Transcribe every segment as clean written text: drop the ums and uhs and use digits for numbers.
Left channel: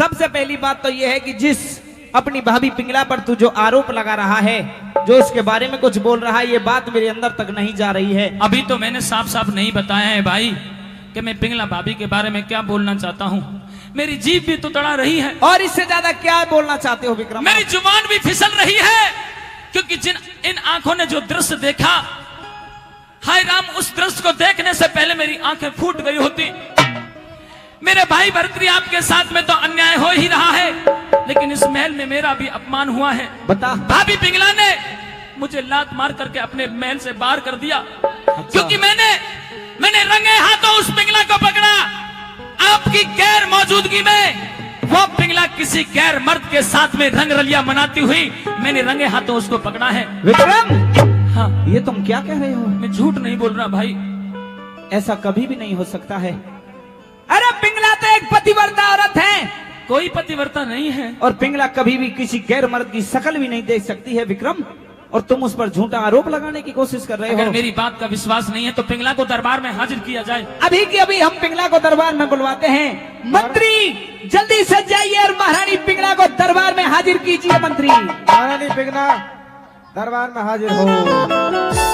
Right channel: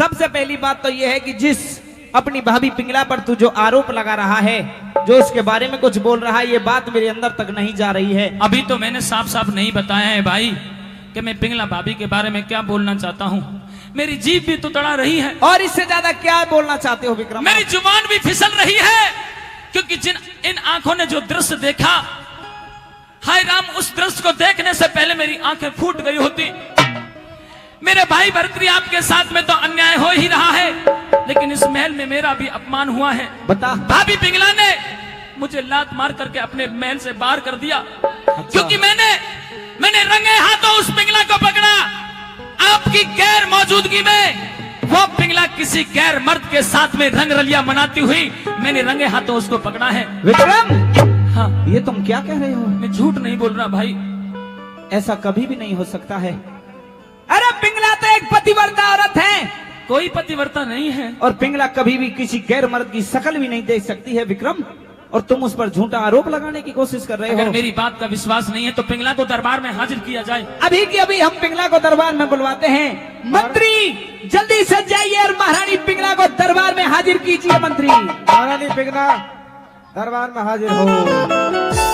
सबसे पहली बात तो यह है कि जिस अपनी भाभी पिंगला पर तू जो आरोप लगा रहा है, जो उसके बारे में कुछ बोल रहा है, ये बात मेरे अंदर तक नहीं जा रही है। अभी तो मैंने साफ साफ नहीं बताया है भाई कि मैं पिंगला भाभी के बारे में क्या बोलना चाहता हूँ। मेरी जीभ भी तो तड़ा रही है। और इससे ज्यादा क्या बोलना चाहते हो विक्रम? मेरी जुबान भी फिसल रही है, क्योंकि इन आंखों ने जो दृश्य देखा, हाय राम, उस दृश्य को देखने से पहले मेरी आंखें फूट गई होती। मेरे भाई भरतरी आपके साथ में तो अन्याय हो ही रहा है, लेकिन इस महल में मेरा भी अपमान हुआ है। बता। भाभी पिंगला ने मुझे लात मार करके अपने महल से बाहर कर दिया। क्योंकि मैंने रंगे हाथों उस पिंगला को पकड़ा। आपकी गैर मौजूदगी में वो पिंगला किसी गैर मर्द के साथ में रंग रलिया मनाती हुई मैंने रंगे हाथों उसको पकड़ा है। विक्रम, हाँ, ये तुम क्या कह रहे हो? मैं झूठ नहीं बोल रहा भाई। ऐसा कभी भी नहीं हो सकता है। अरे पिंगला तो एक पतिव्रता औरत है। कोई पतिव्रता नहीं है। और पिंगला कभी भी किसी गैर मर्द की शक्ल भी नहीं देख सकती है विक्रम, और तुम उस पर झूठा आरोप लगाने की कोशिश कर रहे हो। अगर मेरी बात का विश्वास नहीं है तो पिंगला को दरबार में हाजिर किया जाए। अभी की अभी हम पिंगला को दरबार में बुलवाते हैं। मंत्री जल्दी से जाइए और महारानी पिंगला को दरबार में हाजिर कीजिए। मंत्री, महारानी पिंगला दरबार में हाजिर हो।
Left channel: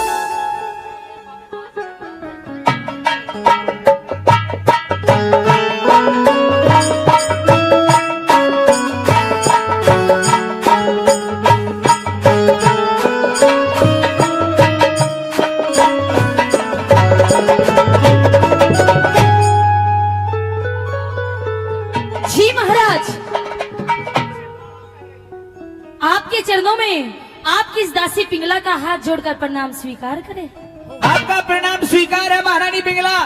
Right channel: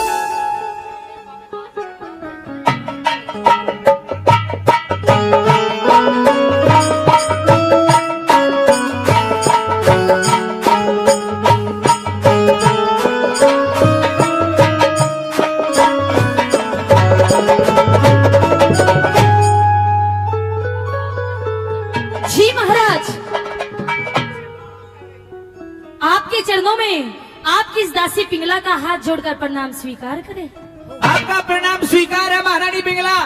जी महाराज, आपके चरणों में आपकी इस दासी पिंगला का हाथ जोड़कर प्रणाम स्वीकार करें। आपका प्रणाम स्वीकार है महारानी पिंगला।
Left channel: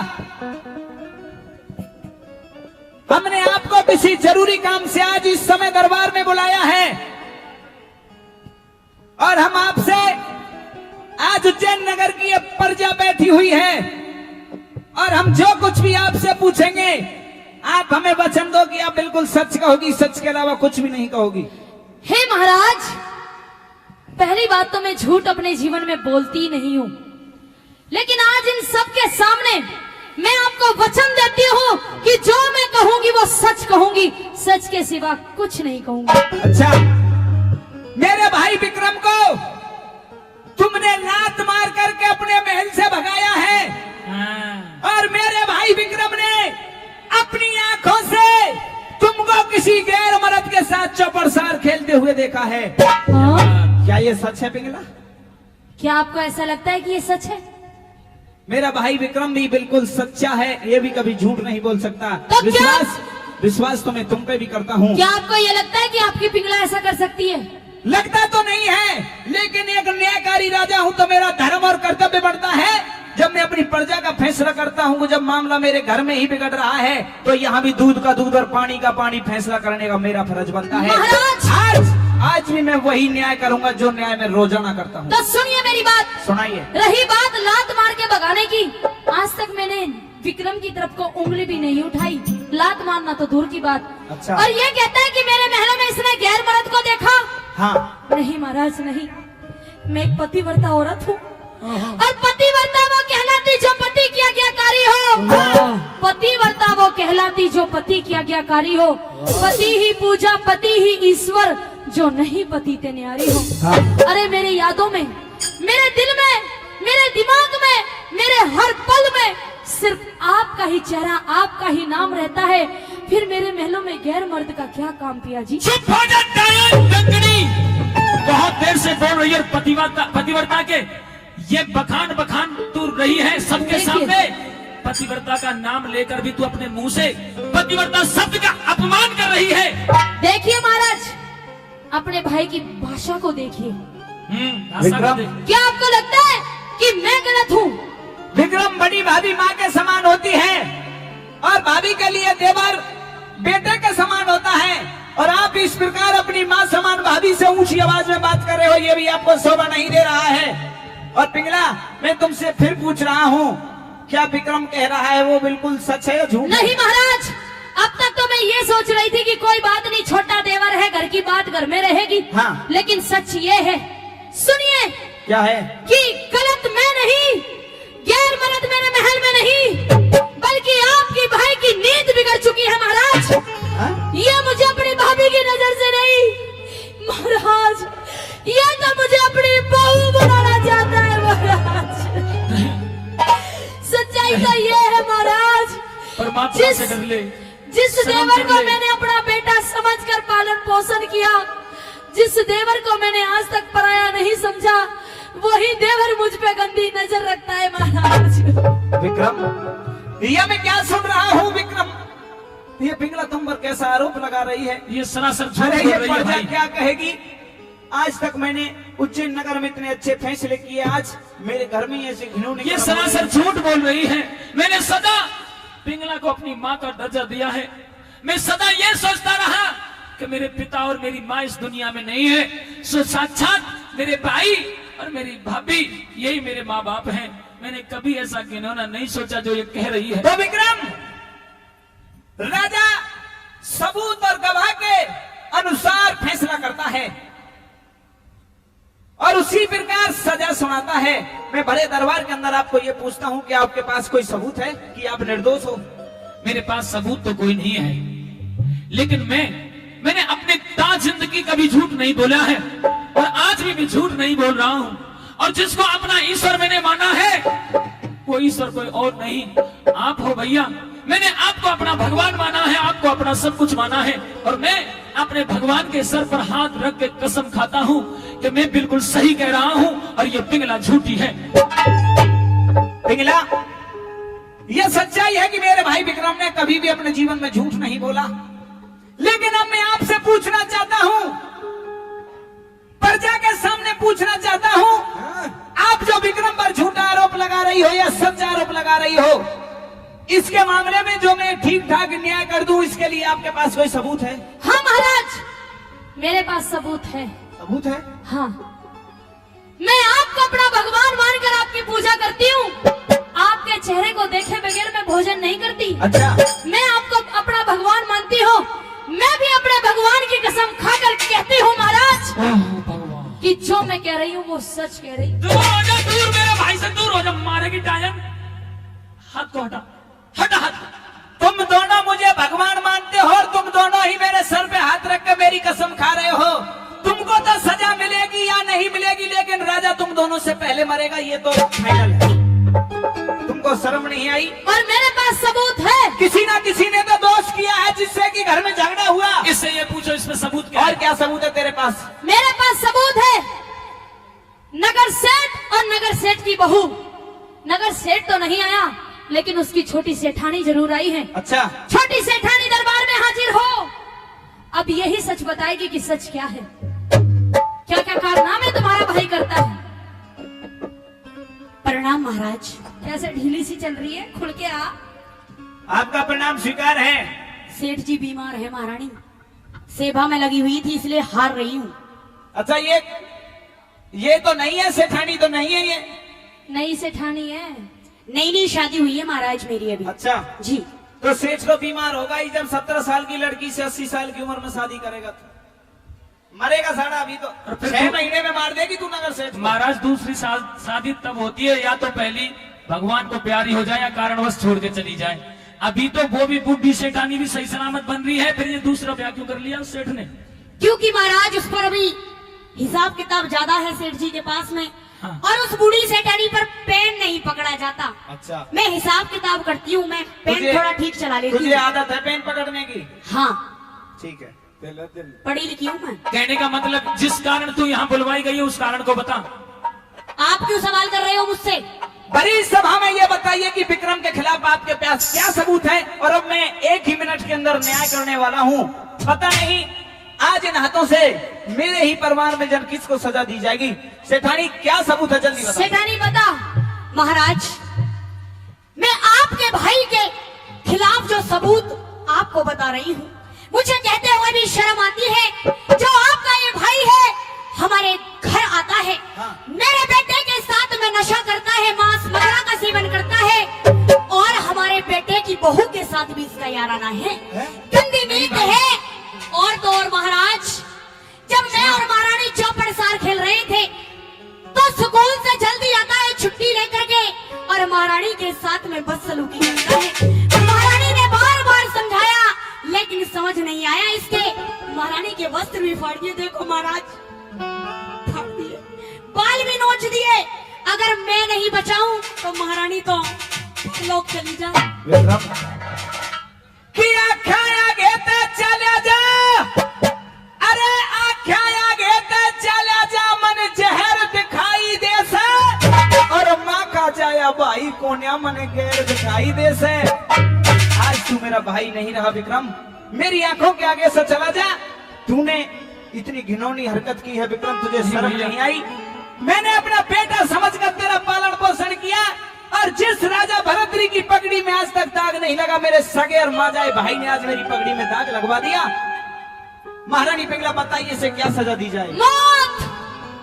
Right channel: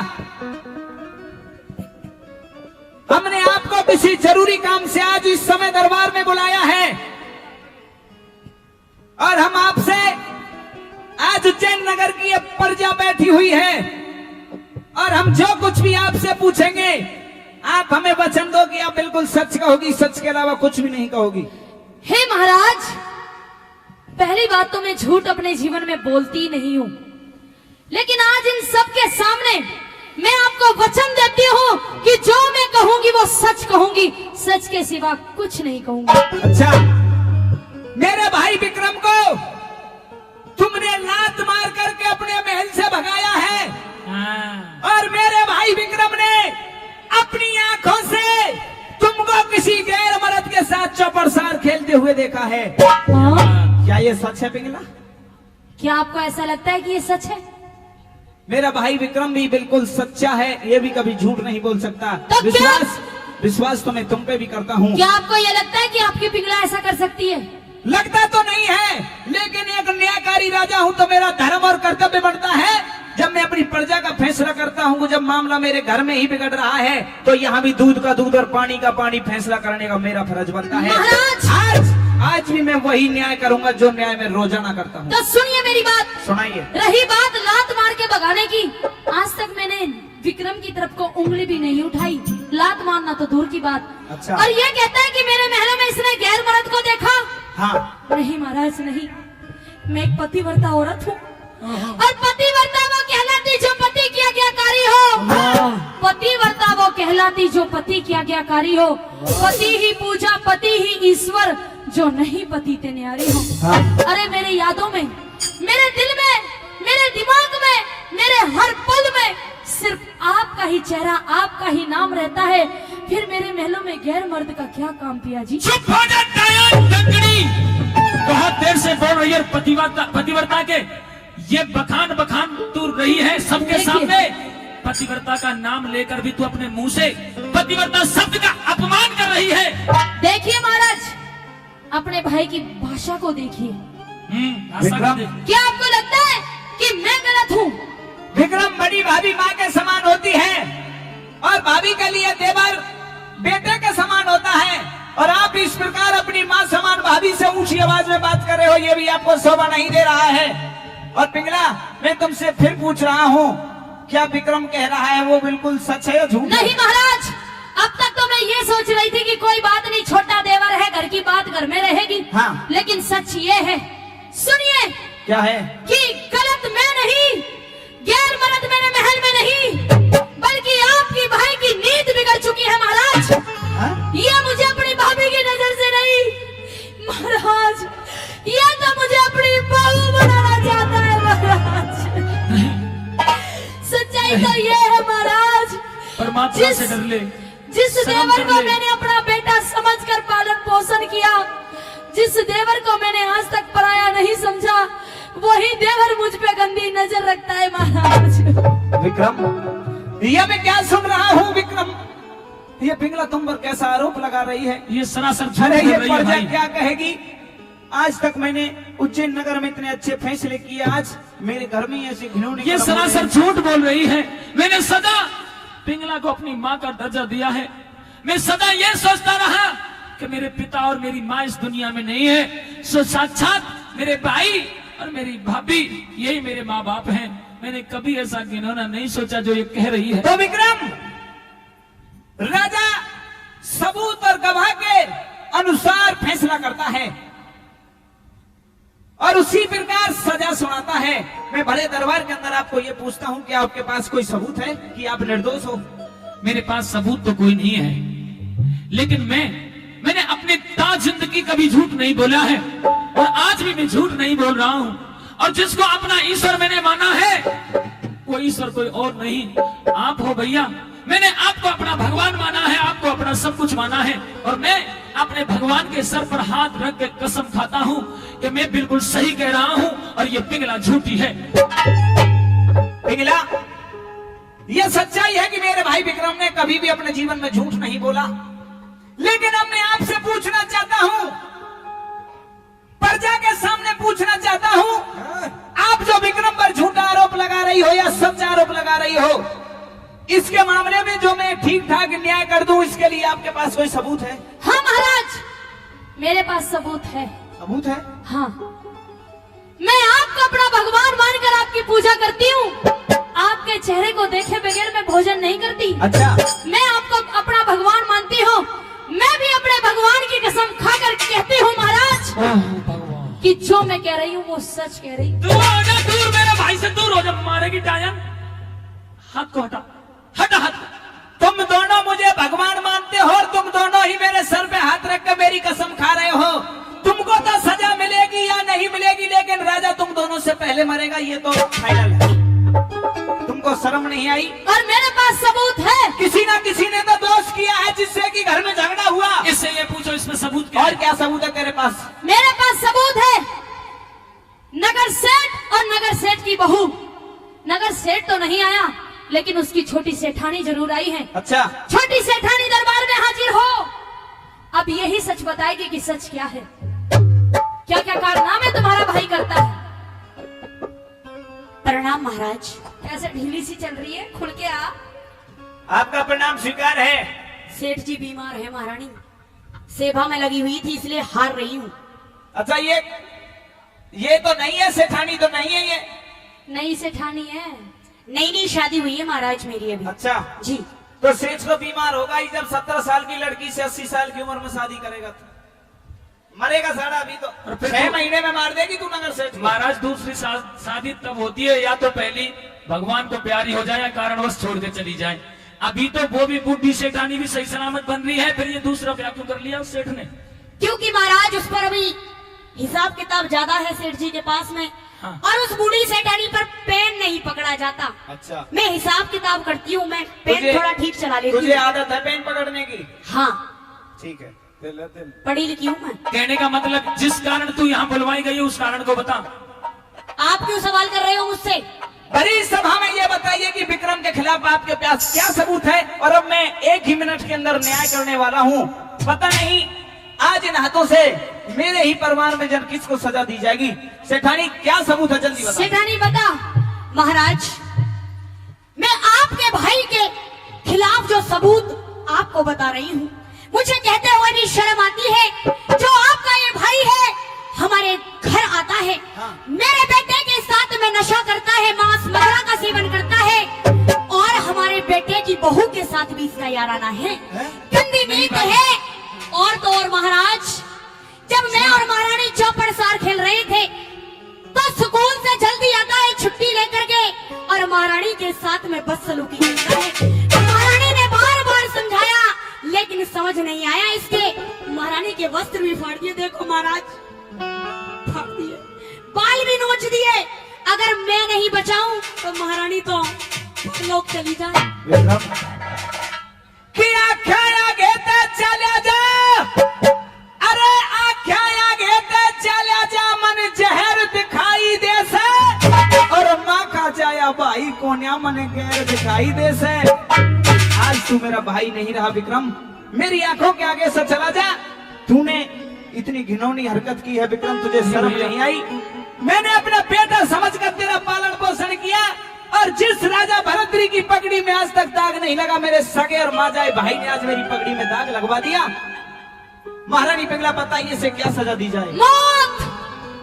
हमने आपको किसी जरूरी काम से आज इस समय दरबार में बुलाया है, और हम आपसे आज उज्जैन नगर की एक प्रजा बैठी हुई है, और हम जो कुछ भी आपसे पूछेंगे आप हमें वचन दो कि आप बिल्कुल सच कहोगी, सच के अलावा कुछ भी नहीं कहोगी। हे महाराज, पहली बात तो मैं झूठ अपने जीवन में बोलती नहीं हूँ, लेकिन आज इन सब के सामने मैं आपको वचन देती हूँ कि जो मैं कहूंगी वो सच कहूंगी, सच के सिवा कुछ नहीं कहूंगी। अच्छा, मेरे भाई विक्रम को तुमने लात मार करके अपने महल से भगाया है, और मेरे भाई विक्रम ने अपनी आंखों से तुमको किसी गैर मर्द के साथ चौपड़सार खेलते हुए देखा है। हाँ? क्या ये सच है पिंगला? क्या आपको ऐसा लगता है कि ये सच है? मेरा भाई विक्रम भी बिल्कुल सच्चा है, ये भी कभी झूठ नहीं बोल सकता। तो विश्वास तो मैं तुम पे भी करता हूँ। क्या आपको ये लगता है कि आपकी पिंगला ऐसा कर सकती है? लगता तो नहीं है, लेकिन एक न्यायकारी राजा हूँ तो मेरा धर्म और कर्तव्य बनता है। जब मैं अपनी प्रजा का फैसला करता हूँ, जब मामला मेरे घर में ही बिगड़ रहा है, तो यहाँ भी दूध का दूध और पानी का पानी फैसला करने का मेरा फर्ज बनता है। आज भी मैं वही न्याय करूंगा जो न्याय मैं रोजाना करता हूँ। तो सुनिए मेरी बात। सुनाइए। रही बात लात मार के भगाने की, आज तक मैंने विक्रम की तरफ को उंगली भी नहीं उठाई, लात मारना तो दूर की बात। अच्छा। और ये कहता है कि मेरे महलों में इसने गैर मर्द को देखा। हाँ। नहीं महाराज नहीं, मैं एक पतिव्रता औरत हूँ, और पतिव्रता वो कहलाती जो पति की आज्ञाकारी हो। पतिव्रता वो कहलाती जो पति की आज्ञाकारी हो। पति ही पूजा, पति ही ईश्वर, जो नहीं पति ते न्यारी हो। अरे मेरे यादों में, मेरे दिल में, मेरे दिमाग में, मेरे हर पल में सिर्फ आपका ही चेहरा, आपका ही नाम रहता है। फिर मेरे महलों में गैर मर्द का क्या काम पिया जी? चुप हो जा डायन कंगनी, बहुत देर से बोल रही है पतिव्रता के ये बखान तू रही है सबके सामने। पतिव्रता का नाम लेकर भी तू अपने मुंह से पतिव्रता शब्द का अपमान कर रही है। देखिए महाराज, अपने भाई की भाषा को देखिए। क्या आपको लगता है कि मैं गलत हूँ? विक्रम, बड़ी भाभी माँ के समान होती है, और भाभी के लिए देवर बेटे के समान होता है, और आप इस प्रकार अपनी माँ समान भाभी से ऊंची आवाज में बात कर रहे हो, ये भी आपको शोभा नहीं दे रहा है। और पिंगला, मैं तुमसे फिर पूछ रहा हूँ, क्या विक्रम कह रहा है वो बिल्कुल सच है या झूठ? नहीं महाराज, अब तक तो मैं ये सोच रही थी कि कोई बात नहीं, छोटा देवर है, घर की बात घर में रहेगी। हाँ। लेकिन सच ये है, सुनिए। क्या है? कि गलत मैं नहीं, गैर मर्द मेरे महल में नहीं, बल्कि आपकी भाई की नींद बिगड़ चुकी है महाराज। ये मुझे महाराज, ये तो मुझे अपनी बहू बनाना चाहता है महाराज। सच्चाई तो ये है महाराज, परमात्मा से डर ले, जिस शर्म देवर कर को ले। मैंने अपना बेटा समझकर पालन पोषण किया, जिस देवर को मैंने आज तक पराया नहीं समझा, वही देवर मुझ पे गंदी नजर रखता है महाराज। विक्रम, ये मैं क्या सुन रहा हूँ विक्रम? ये पिंगला तुम पर कैसा आरोप लगा रही है? ये सरासर झूठ अरे बोल ये रही है प्रजा भाई। क्या कहेगी? आज तक मैंने उज्जैन नगर में इतने अच्छे फैसले किए, आज मेरे घर में ऐसे घिनौने ये कर्म हो सरासर रहे हैं। झूठ बोल रही है। मैंने सदा पिंगला को अपनी माँ का दर्जा दिया है। मैं सदा ये सोचता रहा कि मेरे पिता और मेरी माँ इस दुनिया में नहीं है, सो साक्षात मेरे भाई और मेरी भाभी यही मेरे माँ बाप हैं। मैंने कभी ऐसा घिनौना नहीं सोचा जो ये कह रही है। तो विक्रम, राजा सबूत और गवाह के अनुसार फैसला करता है और उसी प्रकार सजा सुनाता है। मैं बड़े दरबार के अंदर आपको ये पूछता हूँ कि आपके पास कोई सबूत है कि आप निर्दोष हो? मेरे पास सबूत तो कोई नहीं है, लेकिन मैंने अपनी जिंदगी कभी झूठ नहीं बोला है और आज भी मैं झूठ नहीं बोल रहा हूँ। और जिसको अपना ईश्वर मैंने माना है, वो ईश्वर कोई और नहीं, आप हो भैया। मैंने आपको अपना भगवान माना है, आपको अपना सब कुछ माना है, और मैं अपने भगवान के सर पर हाथ रख के कसम खाता हूँ कि मैं बिल्कुल सही कह रहा हूँ और ये पिंगला झूठी है। पिंगला, यह सच्चाई है कि मेरे भाई विक्रम ने कभी भी अपने जीवन में झूठ नहीं बोला, लेकिन अब मैं आपसे पूछना चाहता हूँ, प्रजा के सामने पूछना चाहता हूँ, आप जो विक्रम पर झूठा आरोप लगा रही हो या सच्चा आरोप लगा रही हो, इसके मामले में जो मैं ठीक ठाक न्याय कर दूं, इसके लिए आपके पास कोई सबूत है? हाँ महाराज, मेरे पास सबूत है। सबूत है? हाँ, मैं आपको अपना भगवान मानकर आपकी पूजा करती हूँ। आपके चेहरे को देखे बगैर मैं भोजन नहीं करती। अच्छा, मैं आपको अपना भगवान मानती हूँ। मैं भी अपने भगवान की कसम खाकर कहती हूँ महाराज कि जो मैं कह रही हूँ वो सच कह रही हूँ। दूर हो जा, दूर, मेरे भाई से दूर हो जा, मारेगी टायन। हाथ को हटा, हटा हाथ। तुम दोनों मुझे भगवान मानते हो और तुम दोनों ही मेरे सर पे हाथ रख के मेरी कसम खा रहे हो। तुमको तो सजा मिलेगी या नहीं मिलेगी, लेकिन राजा तुम दोनों से पहले मरेगा, ये तो फाइनल है। तुमको शर्म नहीं आई? और मेरे पास सबूत है। किसी ना किसी ने तो दोष किया है जिससे कि घर में झगड़ा हुआ। इससे ये पूछो, इसमें सबूत क्या और है? क्या सबूत है तेरे पास? मेरे पास सबूत है। नगर सेठ और नगर सेठ की बहू। नगर सेठ तो नहीं आया, लेकिन उसकी छोटी सेठानी जरूर आई है। अच्छा, छोटी सेठानी दरबार में हाजिर हो। अब यही सच बताएगी कि सच क्या है, क्या क्या कारनामे तुम्हारा भाई करता है। प्रणाम महाराज। कैसे ढीली सी चल रही है, खुल के आ। आपका प्रणाम स्वीकार है। सेठ जी बीमार है महारानी, सेवा में लगी हुई थी इसलिए हार रही हूँ। अच्छा, ये तो नहीं है, सेठानी तो नहीं है ये। नई सेठानी है, नई नई शादी हुई है महाराज मेरी अभी। अच्छा, जी। तो सेठ तो बीमार होगा ही जब 17 साल की लड़की से 80 साल की उम्र में शादी करेगा तो मरेगा साला। अभी तो और फिर 6 महीने में मार देगी तू नगर सेठ को। महाराज, दूसरी शादी तब होती है या तो पहली भगवान को प्यारी हो जाए या कारणवश छोड़ के चली जाए। अभी तो वो भी बुढ़ी सेठानी भी सही सलामत बन रही है, फिर ये दूसरा क्या क्यों कर लिया उस सेठ ने? क्योंकि महाराज उस पर अभी हिसाब किताब ज्यादा है सेठ जी के पास में। हाँ। और उस बूढ़ी सेठानी पर पेन नहीं पकड़ा जाता। अच्छा, मैं हिसाब किताब करती हूँ, मैं पेन तुझे- थोड़ा ठीक चला लेती तुझे हूँ। आदत है पेन पकड़ने की? हाँ, ठीक है। पढ़ी लिखी हूँ मैं। कहने का मतलब जिस कारण तू यहाँ बुलवाई गई उस कारण को बता। आप क्यों सवाल कर रहे हो मुझसे? बड़ी सभा में ये बताइए कि विक्रम के खिलाफ आपके पास क्या सबूत है? और अब मैं 1 ही मिनट के अंदर न्याय करने वाला हूँ। पता नहीं आज इन हाथों से मेरे ही परिवार में जब किसको सजा दी जाएगी। सेठानी, क्या सबूत है? जल्दी बता। सेठानी बता। महाराज, मैं आपके भाई के खिलाफ जो सबूत आपको बता रही हूँ, मुझे कहते हुए भी शर्म आती है। जो आपका ये भाई है हमारे घर आता है, मेरे बेटे के साथ में नशा करता है, मांस मदिरा का सेवन करता है, और हमारे बेटे की बहू के साथ भी इसका याराना है। गंदी नीत है। और तो और महाराज, जब मैं और महारानी चौपड़ सार खेल रहे थे तो स्कूल से जल्दी आता है छुट्टी लेकर के, और महारानी के साथ में बदसलूकी करता है। महारानी ने बार बार समझाया, लेकिन समझ नहीं आया इसके। महारानी के वस्त्र भी फाड़ दिए। देखो महाराज, फाड़ दिए, बाल भी नोच दिए। अगर मैं नहीं बचाऊं तो महारानी तो लोग चली जाए। विक्रम कि आख्या आगे ते चले जा, अरे आख्या आगे ते चले जा, मन जहर दिखाई दे से, और माँ का चाया भाई कोन्या मन गैर दिखाई दे से। आज तू मेरा भाई नहीं रहा विक्रम, मेरी आंखों के आगे से चला जा। तूने इतनी घिनौनी हरकत की है विक्रम, तुझे शर्म नहीं आई? मैंने अपना बेटा समझकर तेरा पालन पोषण किया, और जिस राजा भरतरी की पगड़ी में आज तक दाग नहीं लगा, मेरे सगे और माजाए भाई ने आज मेरी पगड़ी में दाग लगवा दिया। महारानी पिंगला, बताइए इसे क्या सजा दी जाए? मौत।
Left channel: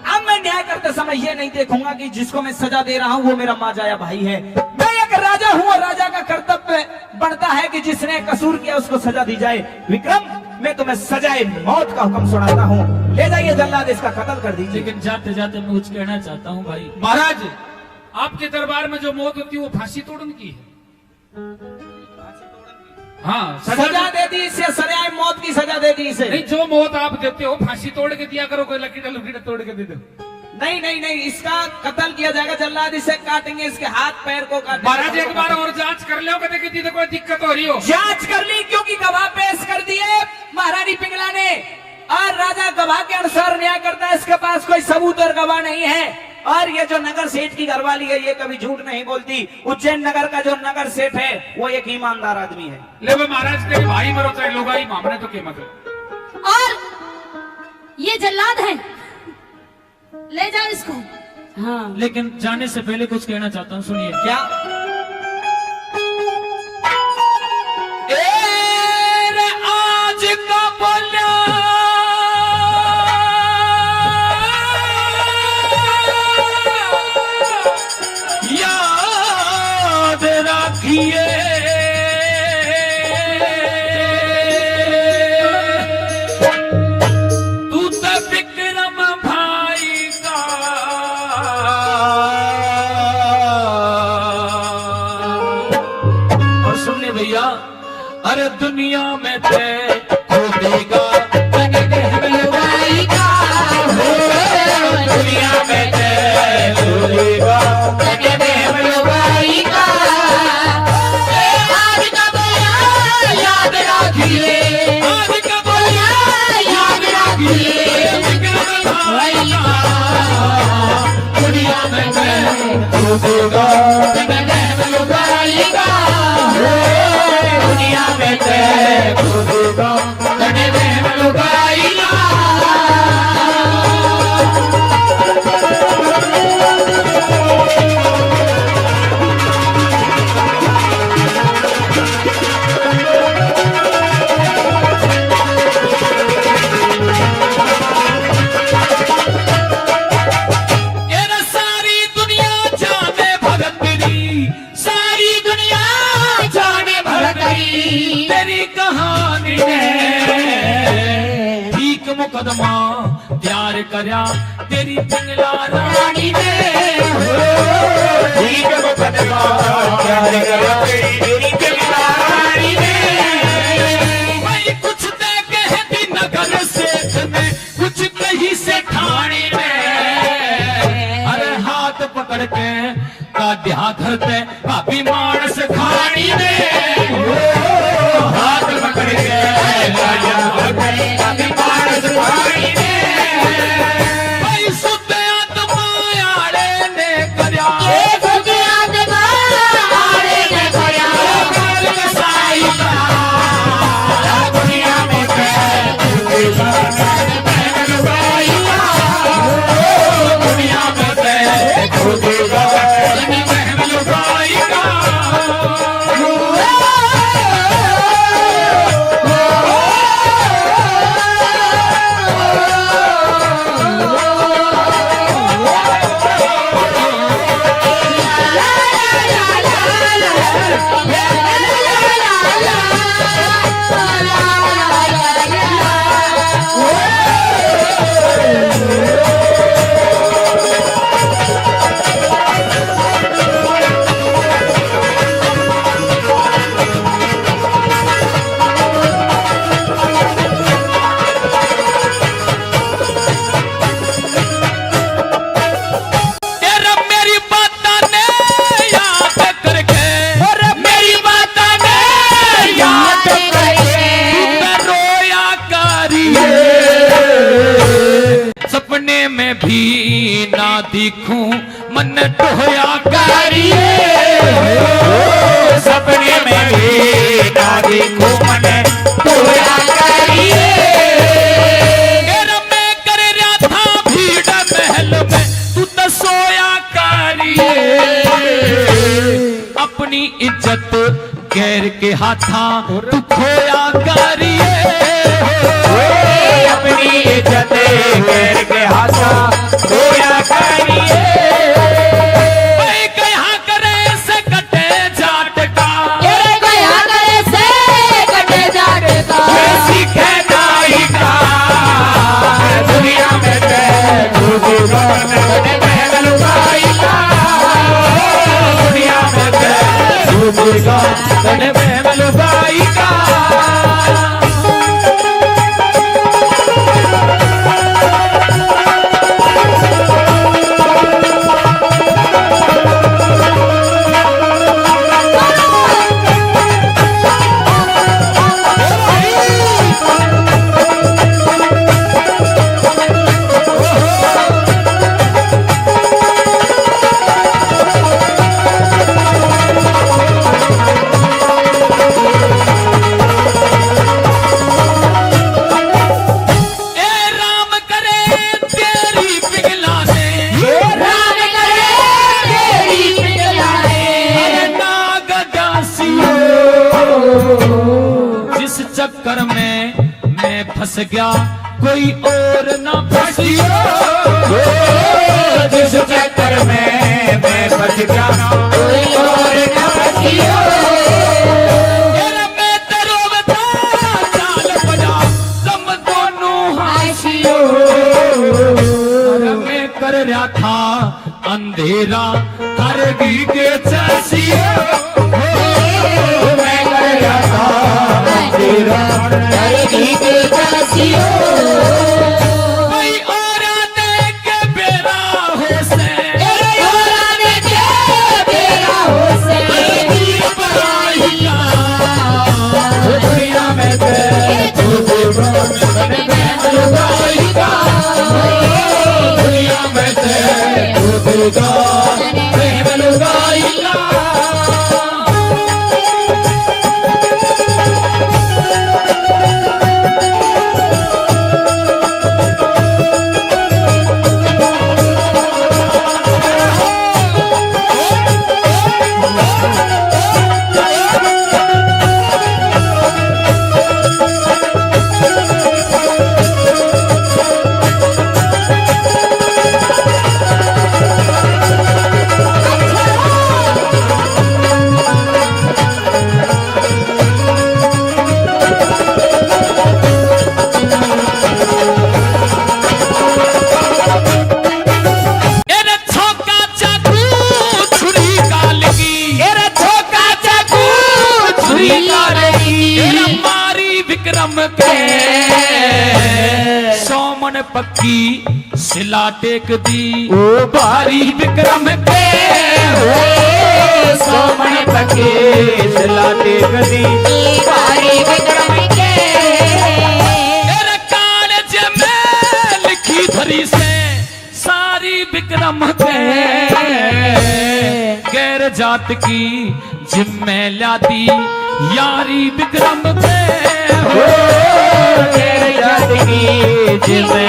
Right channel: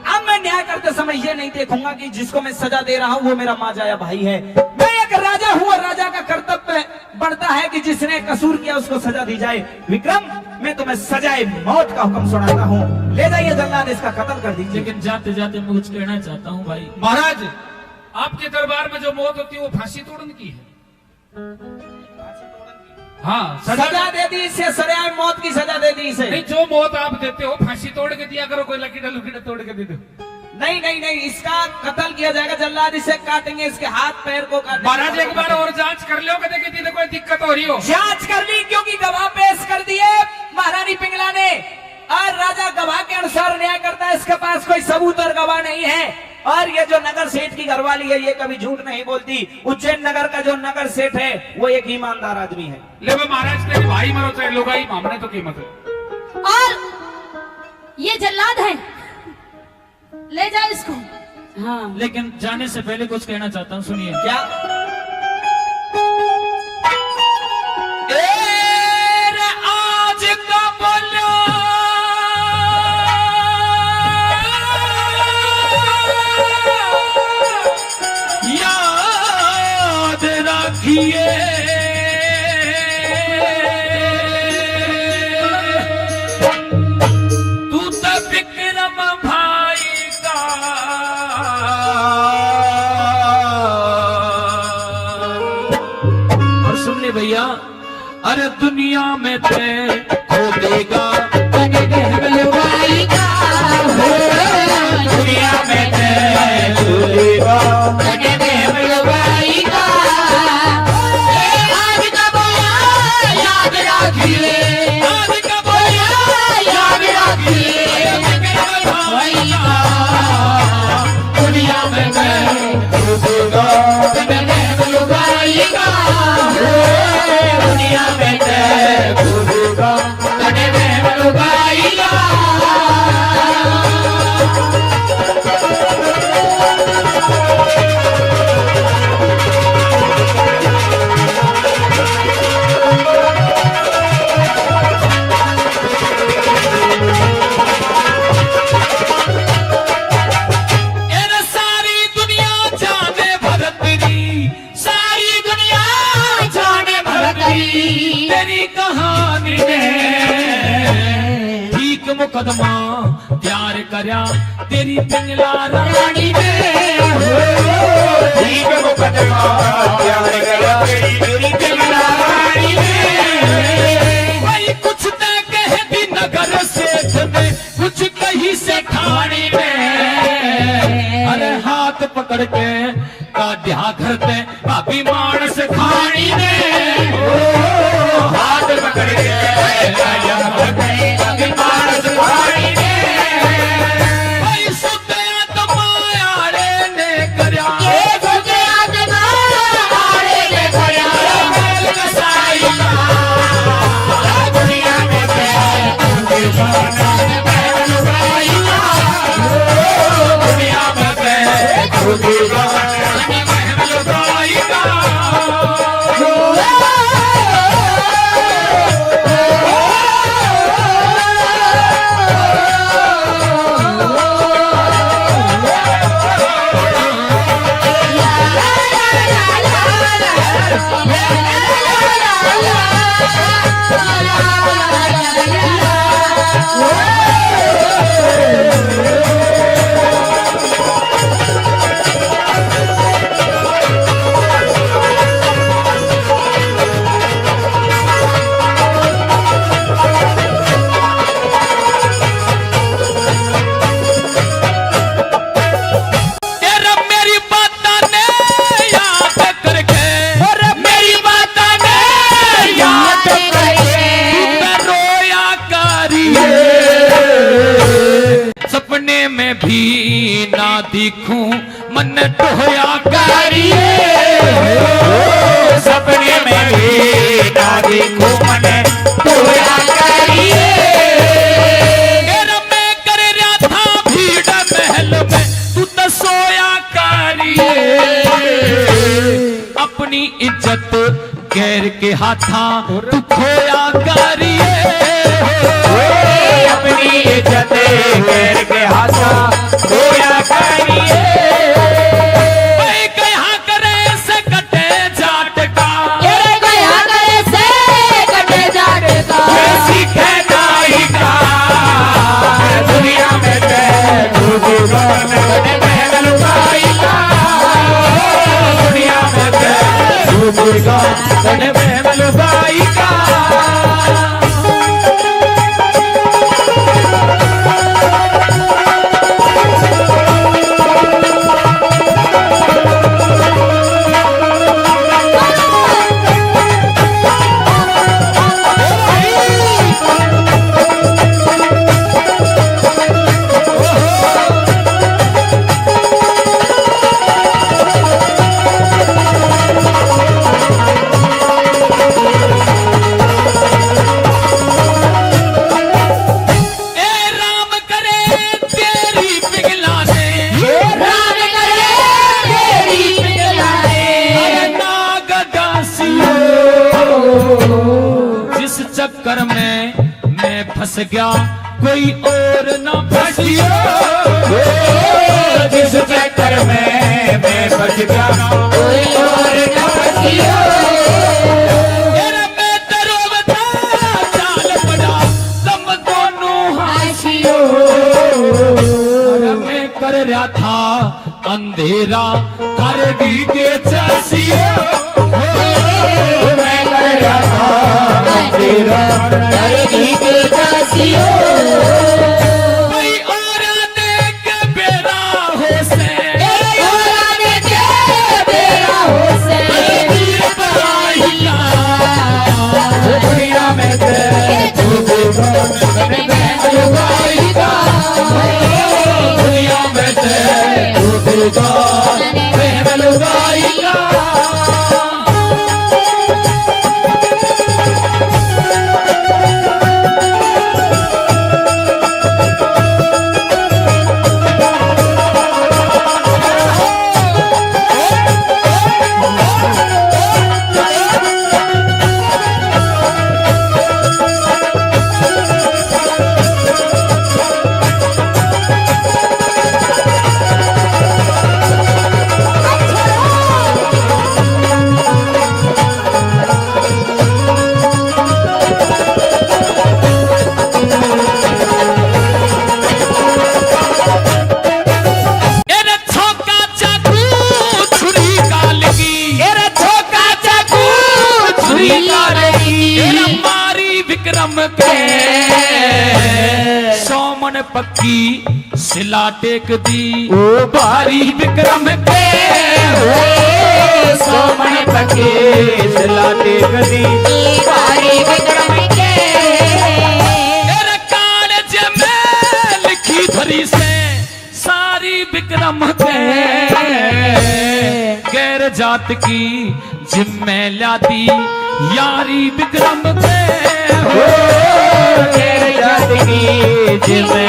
अब मैं न्याय करते समय ये नहीं देखूंगा कि जिसको मैं सजा दे रहा हूँ वो मेरा माजाया भाई है। मैं एक राजा हूँ और राजा का कर्तव्य बनता है कि जिसने कसूर किया उसको सजा दी जाए। विक्रम, मैं तुम्हें सजाए मौत का हुक्म सुनाता हूँ। ले जाइए जल्लाद, इसका कत्ल कर दीजिए। लेकिन जाते जाते मैं कुछ कहना चाहता हूँ भाई। महाराज, आपके दरबार में जो मौत होती है वो फांसी तोड़न की है। हाँ, सजा दे दी इसे, सरेआम मौत की सजा दे दी इसे। नहीं, जो मौत आप देते हो फांसी तोड़ के दिया करो, कोई लकीड़ा लुकीड़ा तोड़ के दे दो। नहीं नहीं नहीं, इसका कत्ल किया जाएगा। जल्लाद इसे काटेंगे, इसके हाथ पैर को काटेंगे। महाराज, एक बार और जांच कर लो कदे कि कोई दिक्कत हो रही हो। जांच कर ली, क्योंकि गवाह पेश कर दिए महारानी पिंगला ने, और राजा गवाह के अनुसार न्याय करता है। इसके पास कोई सबूत और गवाह नहीं है। और ये जो नगर सेठ की घरवाली है, ये कभी झूठ नहीं बोलती। उज्जैन नगर का जो नगर सेठ है वो एक ईमानदार आदमी है। ले वो महाराज, तेरे भाई मरो चाहे लुगाई, मामने तो कीमत हो। और ये जल्लाद है, ले जाओ इसको। हाँ, लेकिन जाने से पहले कुछ कहना चाहता हूँ, सुनिए। क्या? ए आज का बोलो याद रखिए, तू तो विक्रम भाई का और सुनने भैया, अरे दुनिया में थे खो देगा दुनिया में थे खो देगा। याद रखिए, आज का बोला याद रखिए, दुनिया में थे खो देगा दुनिया में थे खो देगा। सारी दुनिया जाने भरतरी, सारी दुनिया जाने भरतरी, तेरी कहानी ने ठीक मुकदमा प्यार करया तेरी पिंगला रानी ने। ठीक मुकदमा प्यार करया तेरी पिंगला रानी ने। भाई कुछ तो कह दी नगर सेठ ने, कुछ कही से ठाणी ने, अरे हाथ पकड़ के काढ़ा घर पे भाभी मानस खानी ने। हाथ पकड़ के भाभी मानस खानी ने। भाई सुत्या तो माया रे भी ना दिखूं मन टोया करिए, सपने में भी ना दिखूं मन टोया करिए। मैं कर रहा था भीड़ महल में तू तो सोया करिए, अपनी इज्जत गैर के हाथा तू खोया करिए, अपनी इज्जत गैर के हाथा खोया करिए। भाई कहा करे से कटे जाट का, गया करे से कटे जाट का, सीखे नाई का दुनिया में महलुकाई का, दुनिया में महलुकाई का। चक्कर में मैं फंस गया कोई और न फंसियो, जिस चक्कर में मैं फंस गया कोई और न फंसियो। मैं करो बता चाल बजा तुम दोनों हाशियो, मैं कर रहा था अंधेरा कर दी के चसियो, मैं कर रहा था अंधेरा कर दी के चसियो। कोई और आने के बेरा हो से, और आने के बेरा हो से, दुनिया में महलुकाई का, दुनिया में महलुकाई का। विक्रम के सोमन पक्की सिला टेक दी, ओ भारी विक्रम के हो सोमन पक्की सिला टेक दी, भारी विक्रम के। कागज में लिखी धरी से सारी विक्रम के, गैर जात की जिम्मे लाती यारी विक्रम के, गैर जात की जिम्मे